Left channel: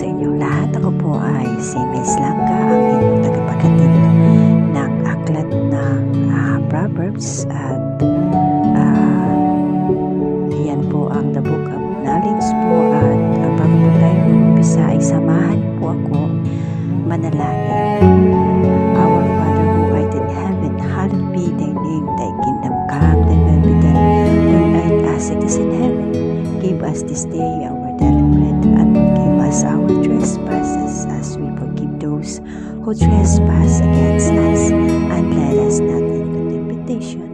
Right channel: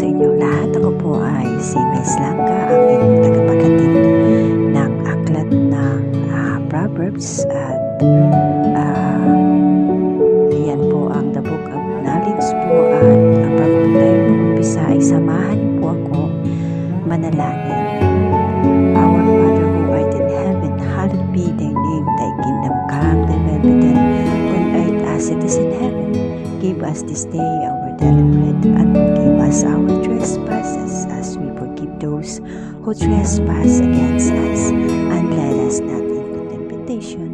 sa inyong lahat. Ako po ay si Miss Langga, ang inyong tagapaghatid ng aklat ng Proverbs at yan po ang The Book of Knowledge po. At bago po tayo mag-umpisa ay samahan niyo po ako manalangin. Our Father who art in heaven, hallowed be thy name, thy kingdom come, thy will be done on earth as it is in heaven. Give us this day our daily bread, and forgive us our trespasses as we forgive those who trespass against us. And let us not into temptation,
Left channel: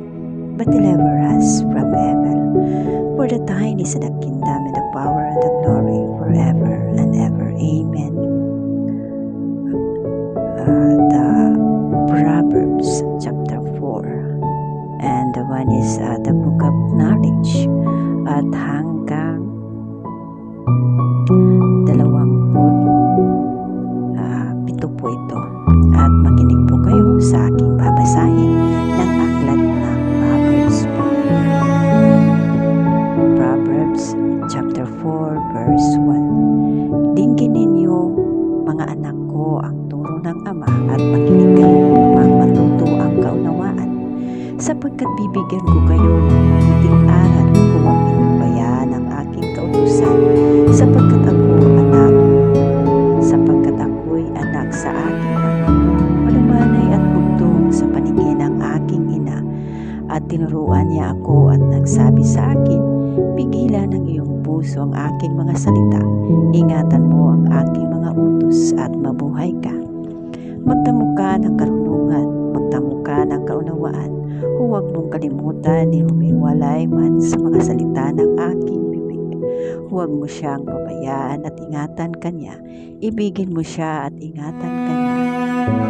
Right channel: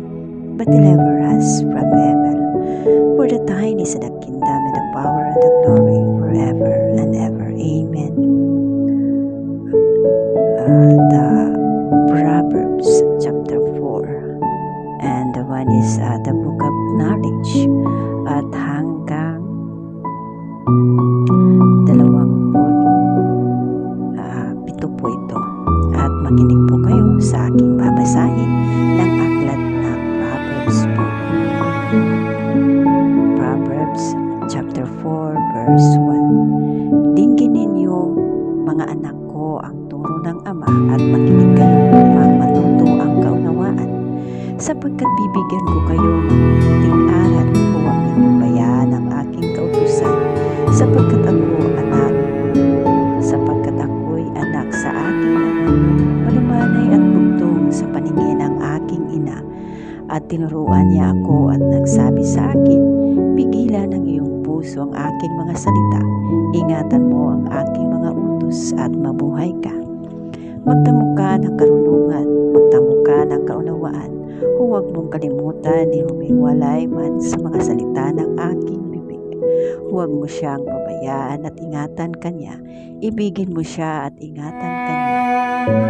but deliver us from evil. For the thine is the kingdom and the power and the glory forever and ever. Amen. The Proverbs chapter 4, and the one is the Book of Knowledge, at hanggang 27 po ito. At makinig po kayo sa aking babasahin ng aklat ng Proverbs po. Proverbs chapter 4 verse 1. Dinggin ninyo, mga anak ko, ang turo ng Ama, at makinig kayo upang matuto ang kaunawaan. Sapagkat bibigyan ko kayo ng mabuting aral, huwag ninyong bayaan ang aking kautusan, sapagkat ako'y anak sa aking ama, malumanay at bugtong sa paningin ng aking ina. At tinuruan niya ako at nagsabi sa akin, pigilan ng iyong puso ang aking mga salita, ingatan mo ang aking mga utos at mabuhay ka. Magtamo ka ng karunungan, magtamo ka ng kaunawaan, huwag mong kalimutan ni humiwalay man sa mga salita ng aking bibig. Huwag mo siyang pabayaan at ingatan kanya, ibigin mo siya at ingatan kanya.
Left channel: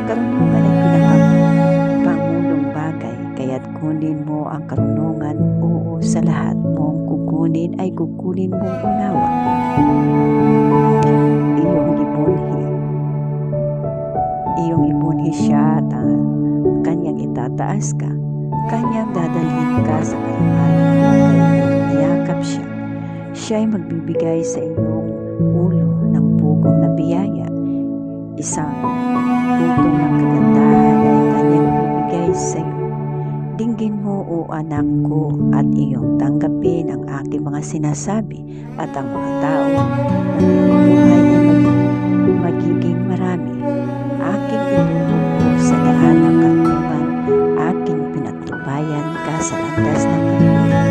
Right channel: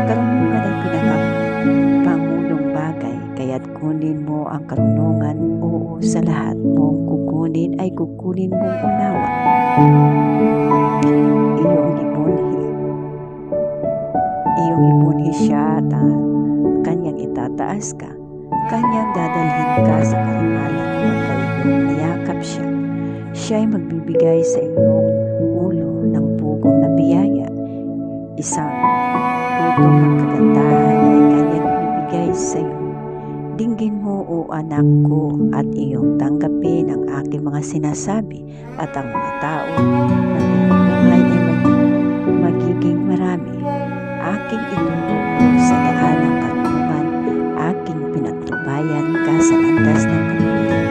Karunungan ay pinakapangulong bagay, kaya't kunin mo ang karunungan, oo, sa lahat mong kukunin ay kukunin mong unawa. Iyong ibunhi siya at kanyang itataas ka. Kanyang dadalhin ka sa karangalan, magkayong niyakap siya. Siya ay magbibigay sa iyong ulo ng pugong na biyaya. Isang putong ng kagandahan ay kanyang ibibigay sa iyo. Dinggin mo, o anak ko, at iyong tanggapin ang aking mga sinasabi, at ang mga tao ng iyong buhay ay magiging marami. Aking ituro ko sa daan ng karunungan, aking pinagtubayan ka sa landas ng kaluwigan.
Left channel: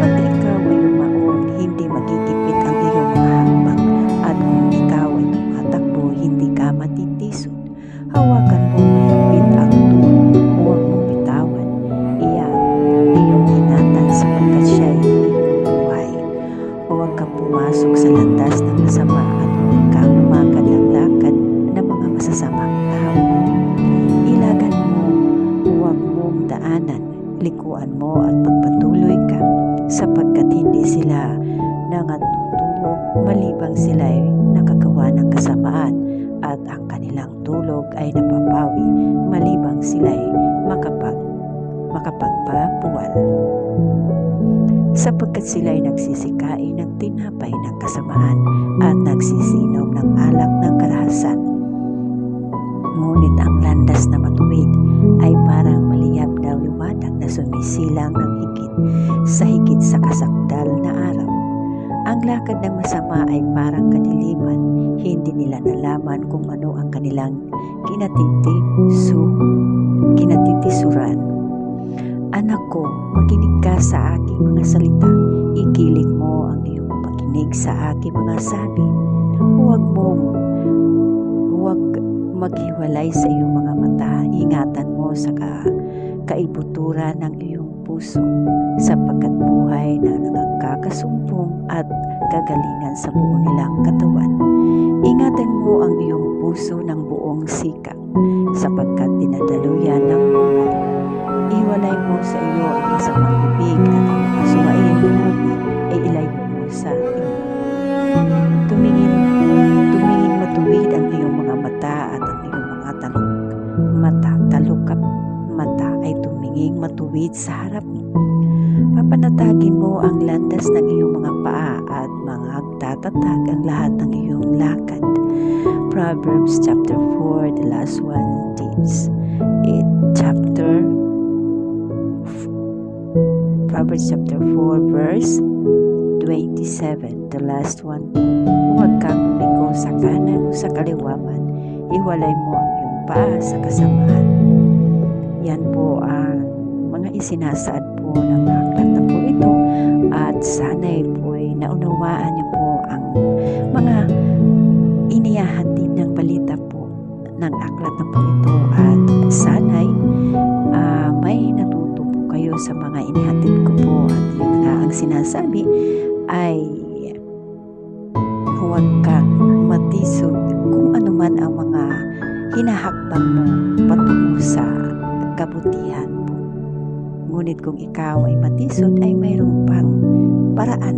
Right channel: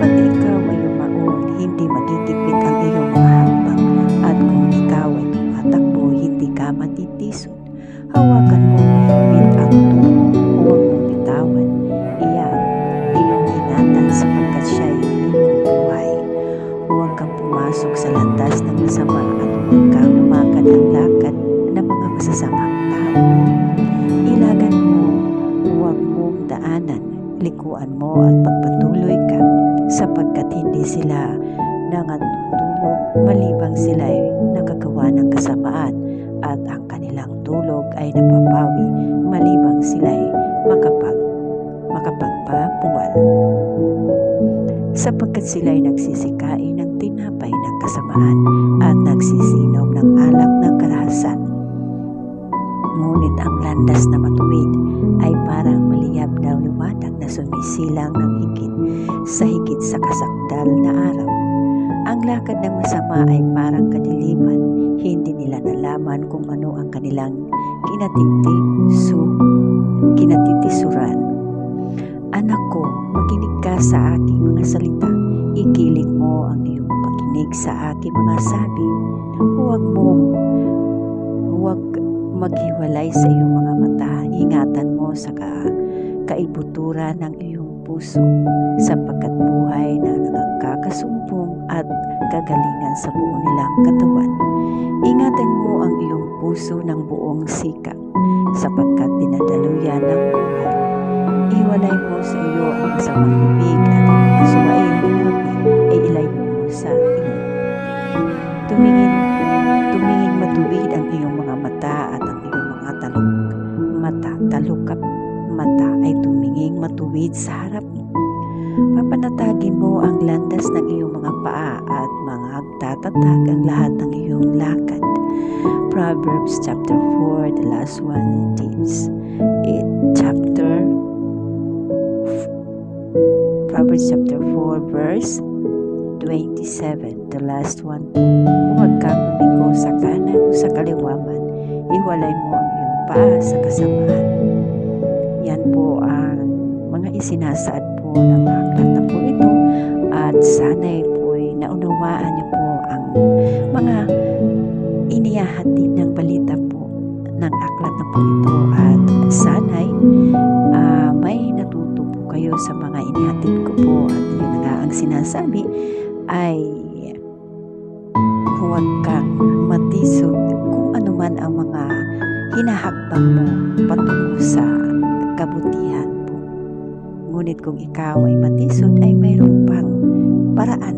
Pag ikaw ay lumaon, hindi magigipit ang iyong mga hakbang, at kung ikaw ay tumatakbo, hindi ka matitisod. Hawakan mo mahigpit ang turo, huwag mong bitawan. Iyan, iyong ingatan sapagkat siya ay iyong buhay. Huwag kang pumasok sa landas ng masama, at huwag kang lumakad ng lakad ng mga masasamang tao. Ilagan mo, huwag mong daanan, likuan mo at magpatuloy ka, sapagkat hindi sila nangatutulog malibang sila ay nakagawa ng kasamaan, at ang kanilang tulog ay napapawi malibang sila ay makapagpapuwal. Sapagkat sila ay nagsisikain ng tinapay ng kasamaan at nagsisinom ng alak ng karahasan. Ngunit ang landas na matuwid ay parang maliyab na liwanag na sumisilang ng higit sa kasakdal na araw. Ang lakad ng masama ay parang kadiliman, hindi nila nalaman kung ano ang kanilang kinatitisuran. Anak ko, makinig ka sa aking mga salita, ikiling mo ang iyong pakinig sa aking mga sabi. Huwag maghiwalay sa iyong mga mata, ingatan mo sa kaibuturan ng iyong puso, sapagkat buhay na nagkakasumpong at kagalingan sa buo nilang katawan. Ingatan mo ang iyong puso ng buong sikap, sapagkat dinadaluyan ng buhay. Iwalay mo sa iyo ang masamang bibig, at ang mga suwain na labi ay ilayo mo sa iyo. Tumingin matuwid ang iyong mga mata, at ang iyong mga talukap mata ay tumingin matuwid sa harap mo. Papanatagin mo ang landas ng iyong mga paa at magtatatag ang lahat ng iyong lakad. Proverbs chapter 4, the last one is Proverbs chapter 4 verse 27, the last one po. Huwag kang lumiko sa kanan o sa kaliwa man, iwalay mo ang iyong paa sa kasamaan. Yan po ang mga isinasaad po ng aklat na po ito, at sana'y po'y naunawaan niyo po ang mga inihahatid ng balita po ng aklat na po ito, at sana'y may natuto po kayo sa mga inihatid ko po. At yun nga ang sinasabi ay huwag kang matisod kung ano man ang mga hinahakbang mo patungo sa kabutihan po. Ngunit kung ikaw ay matisod, ay mayroong pang paraan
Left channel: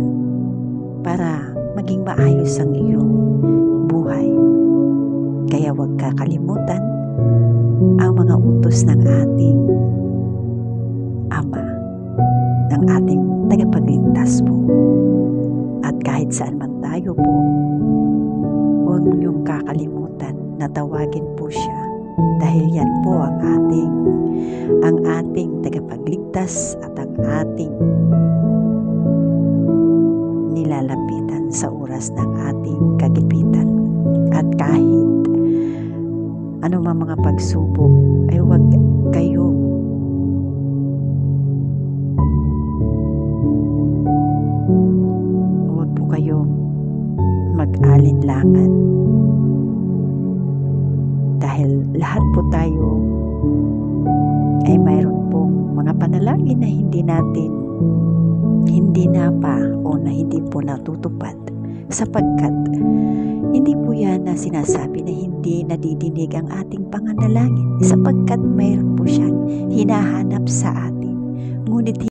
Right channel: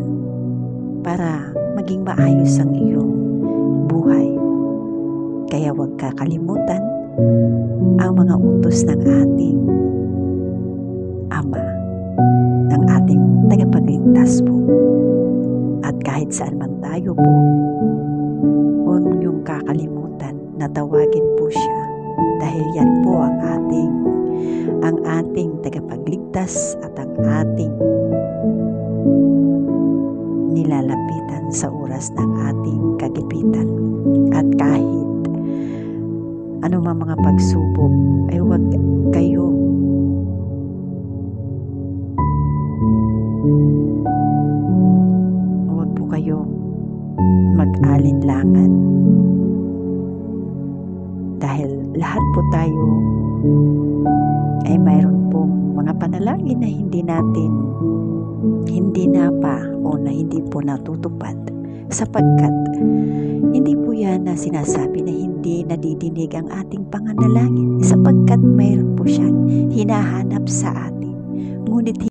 para maging maayos ang iyong buhay. Kaya huwag kakalimutan ang mga utos ng ating Ama, ng ating tagapagligtas po. At kahit saan man tayo po, huwag niyong kakalimutan na tawagin po siya, dahil yan po ang ating tagapagligtas at ang ating nilalapitan sa oras ng ating kagipitan. At kahit anumang mga pagsubok, ay huwag po kayong mag-alinlangan, dahil lahat po tayo ay mayroon pong mga panalangin na hindi po natutupad, sapagkat hindi po yan na sinasabi na hindi nadidinig ang ating panganalangin, sapagkat mayroon po siyang hinahanap sa atin. Ngunit